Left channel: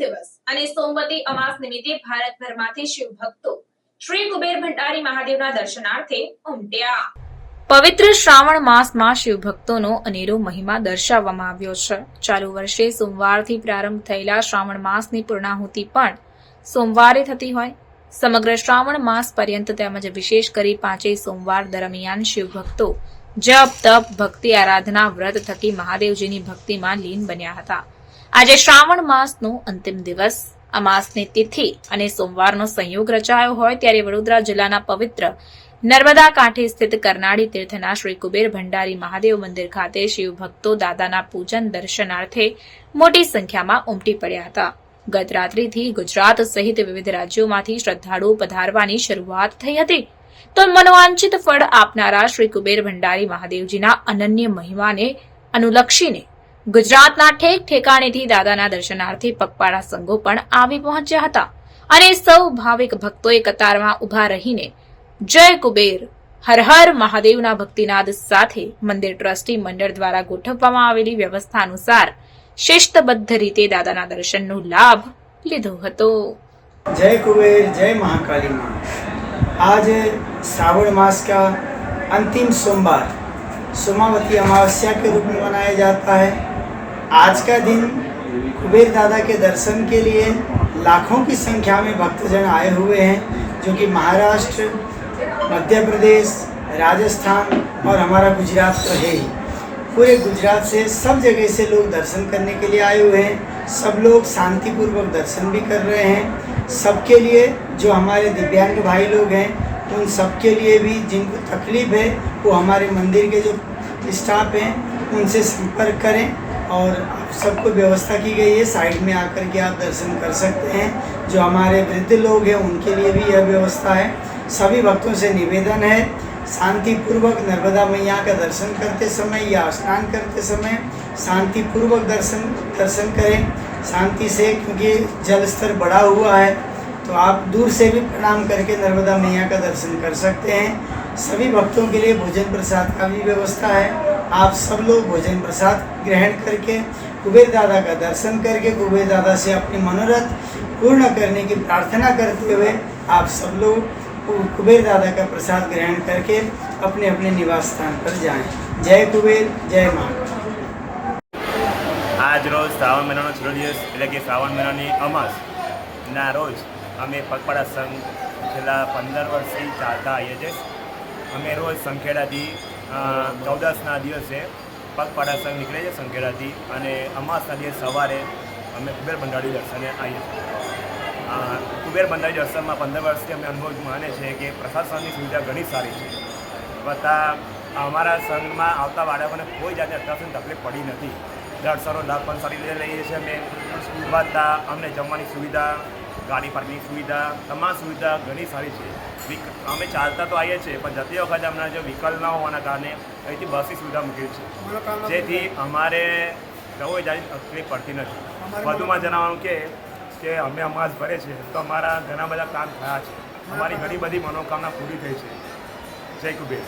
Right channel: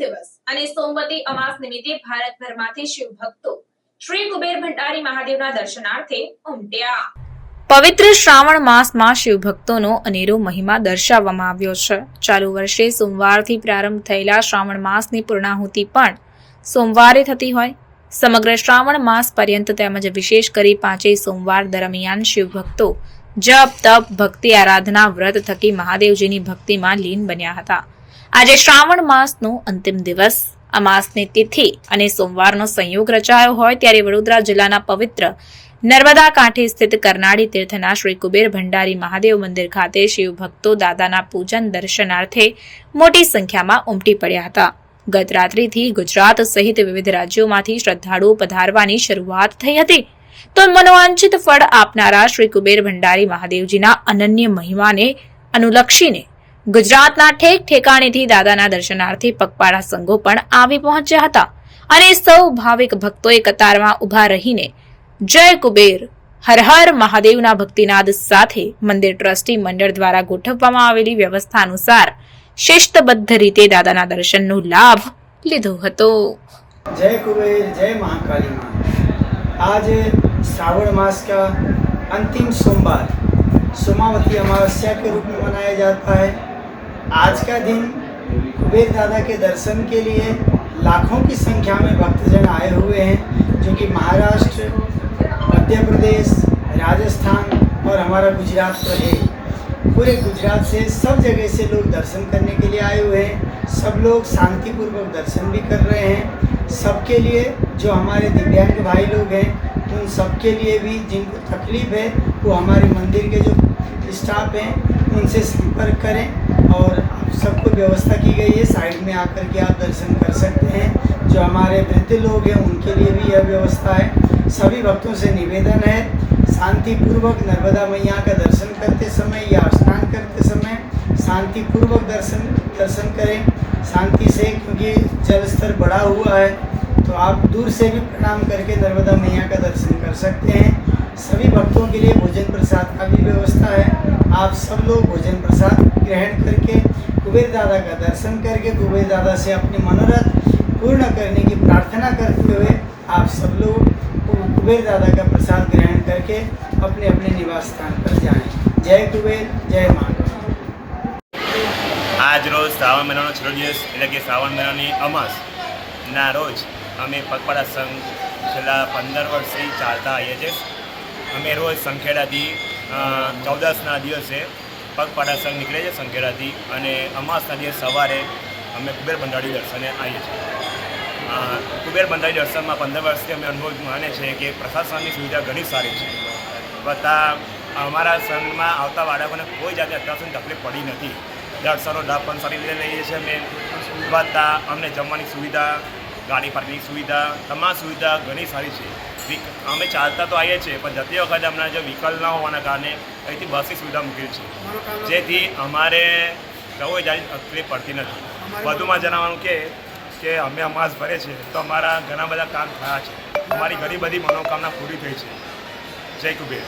દિવસ અને સોમવતી અમાસ નિમિત્તે ભારતભરમાંથી શિવ ભક્તો શ્રી કુબેર ભંડારી મહાદેવના દર્શનાર્થે ઉમટ્યા। પવિત્ર શ્રાવણ માસમાં શિવ ભક્તોનો અનેરો મહિમા દર્શાવવામાં આવ્યો છે। ચાલુ વર્ષે સોમવારથી પ્રારંભ થયેલા શ્રાવણ માસની પૂર્ણાહુતિ પણ સોમવારે થતી હોય। સમગ્ર શ્રાવણ માસ પર્યંત તેમજ વિશેષ કરી 5 સોમવાર દરમિયાન શિવ ભક્તો જપ તપ ભક્તિ આરાધના વ્રત થકી મહાદેવજીની ભક્તિમાં લીન બન્યા હતા। આજે શ્રાવણ માસનો અંતિમ દિવસ અમાસની તિથિ અને સોમવારનો સંયોગ રચાયો હોય ત્યારે વડોદરા જિલ્લાના પવિત્ર નર્મદા કાંઠે સ્થિત કરનાળી તીર્થના શ્રી કુબેર ભંડારી મહાદેવ મંદિર ખાતે શિવ ભક્તો દાદાના પૂજન દર્શનાર્થે મોટી સંખ્યામાં ઉમટી પડ્યા હતા। ગત રાત્રિથી ગુજરાત સહિત વિવિધ રાજ્યોમાંથી શ્રદ્ધાળુઓ પધારવાની શરૂઆત થઈ હતી તો મનોવાંછિત ફળ આપનારા શ્રી કુબેર ભંડારી મહાદેવજીના અનન્ય મહિમાને અનુલક્ષીને ગુજરાતના ઠેક ઠેકાણેથી દાદાના દર્શનાર્થે પગપાળા સંઘો પણ આવી પહોંચ્યા હતા અને સૌ ભાવિક ભક્તોએ કતારમાં ઉભા રહીને જય કુબેર હર હર મહાદેવના ભક્તિનાદ સાથે મંદિર ટ્રસ્ટી મંડળ દ્વારા ગોઠવવામાં આવેલી વ્યવસ્થા અનુસાર शिस्तबद्ध रीते दादाना दर्शनનો लाभ લીધો હતો। जय कुबेर जय महाकाली माँ। आज श्रावण मास का अंतिम सोमवार सोमावती अमावस्या के रूप में मनाया जाता है। आज का दिन कुबेर दादा के दर्शन के लिए लाखों की संख्या में भक्तजन आए हुए हैं, जो कि महाराष्ट्र, मध्य प्रदेश, राजस्थान और हमारा गुजरात तो है ही। पूरे गुजरात से सब जगह से लोग दर्शन करने के लिए आए हुए हैं। सब लोग शांतिपूर्वक दर्शन भी कर रहे हैं। सबके लिए जो हमारे दिव्यांग भाई लोग हैं उन सबके लिए भी जिनको तकलीफ़ है वो हमारे मंदिर के जो स्टाफ हैं उनसे संपर्क करें और सबको व्यवस्था की गई है। साइड में आकर के आप दर्शन कर सकते हैं। जो हमारे वृद्ध लोग हैं उनके लिए भी यह व्यवस्था है। सभी भक्तों से निवेदन है शांतिपूर्वक नर्मदा मैया का दर्शन करते समय या स्नान करते समय शांतिपूर्वक दर्शन करें शांति से, क्योंकि जल स्तर बढ़ा हुआ है तो आप दूर से भी प्रणाम करके नर्मदा मैया का दर्शन कर सकते हैं। सभी भक्तों के लिए भोजन प्रसाद का भी व्यवस्था है। आप सब लोग भोजन प्रसाद ग्रहण करके कुबेर दादा का दर्शन करके कुबेर दादा से अपनी मनोरथ पूर्ण करने की प्रार्थना करते हुए आप सब लोग कुबेर दादा का प्रसाद ग्रहण करके अपने अपने निवास स्थान पर जाएं। जय कुबेर जय महाकाल। आज रोज श्रावण महीनाનો છેલ્લો દિવસ એટલે કે શ્રાવણ મહિનાની અમાસના રોજ અમે પગપાળા સંઘ છેલ્લા 15 વર્ષથી ચાલતા આવીએ છીએ। અમે રોજ સંખેડાથી 14ના દિવસે પગપાળા સંઘ નીકળે છે સંખેડાથી અને અમાસના દિવસ સવારે અમે કુબેર ભંડારી દર્શને આવીએ છીએ। કુબેર ભંડારી દર્શનમાં 15 વર્ષથી અમે અનુભવ માને છે કે પ્રશાસનની સુવિધા ઘણી સારી છે। વત્તા અમારા સંઘમાં આવતા બાળકોને કોઈ જાતની અત્યાર સુધી તકલીફ પડી નથી। દર્શનનો લાભ પણ સારી રીતે લઈએ છીએ અમે। વત્તા અમને જમવાની સુવિધા, ગાડી પાર્કિંગની સુવિધા, તમામ સુવિધા ઘણી સારી છે। અમે ચાલતા તો આવીએ છીએ પણ જતી વખતે અમને જો વ્હીકલ ન હોવાના કારણે અહીંથી બસની સુવિધા મૂકેલી છે, જેથી અમારે કોઈ જાતની તકલીફ પડતી નથી। વધુમાં જણાવવાનું કે અમે અમાસ ભરે છે તો અમારા ઘણા બધા કામ થયા છે, અમારી ઘણી બધી મનોકામના પૂરી થઈ છે। જય કુબેર।